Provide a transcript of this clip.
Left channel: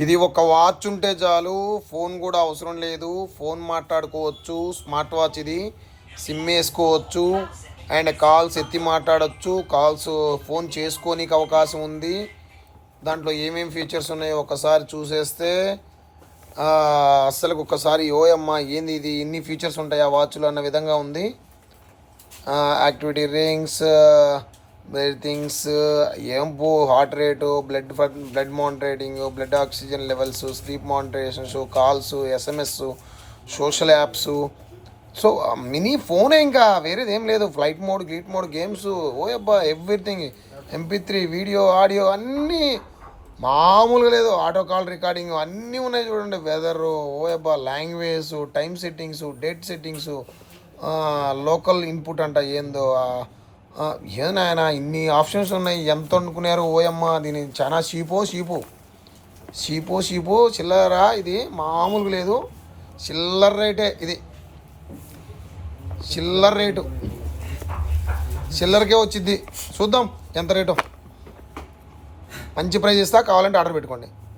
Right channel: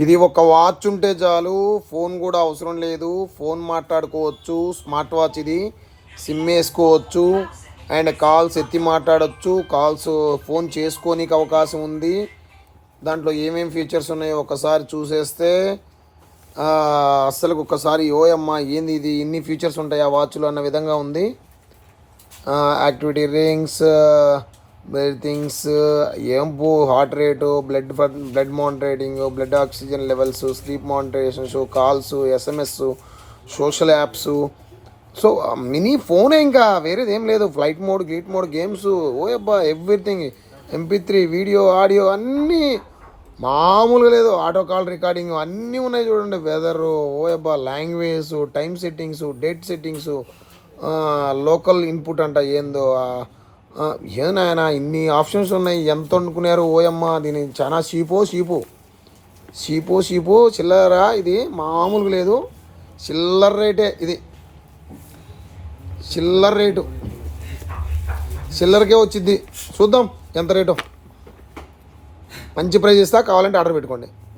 ఇది ఒక వాచ్ ఉంటే చాలు, ఫోన్ కూడా అవసరం లేదు. ఫోన్ మాట్లాడుకోవచ్చు, స్మార్ట్ వాచ్ ఇది. సిమ్ వేసుకోవచ్చు అండ్ కాల్స్ ఎత్తి మాట్లాడవచ్చు, కాల్స్ ఫోన్ చేసుకోనికి అవకాశం ఉంది. దాంట్లో ఏమేమి ఫీచర్స్ ఉన్నాయో ఒకసారి చూసేస్తే అస్సలు ఒకసారి ఓయమ్మ ఏంది ఇది, ఇన్ని ఫీచర్స్ ఉంటాయి ఆ వాచ్లో అన్న విధంగా ఉంది. యాక్టివిటీ రింగ్స్, థింగ్స్, ఏంపు, heart rate, blood monitoring, blood oxygen levels, sleep మానిటరేషన్స్, calls, SMS, social apps. So mini ఫోనే, ఇంకా వేరేది ఏం లేదు. Flight mode, gate mode, games, ఓయబ్బా ఎవ్రీథింగ్, MP3, వీడియో, ఆడియో అన్నీ మామూలుగా లేదు. ఆటో కాల్ రికార్డింగ్ అన్నీ ఉన్నాయి చూడండి. వెదర్, ఓయబ్బా language, time settings, date settings, local input అంట ఏందో, ఏనాయన ఇన్ని ఆప్షన్స్ ఉన్నాయి. ఎంత అనుకున్నారు ఓయమ్మ, దీని చాలా చీపు చిల్లరా. ఇది మామూలుగా లేదు, చిల్లర రేటే ఇది. చిల్లరకే వచ్చింది. చూద్దాం ఎంత రేటు. మంచి ప్రైస్ ఇస్తా, కావాలంటే ఆర్డర్ పెట్టుకోండి.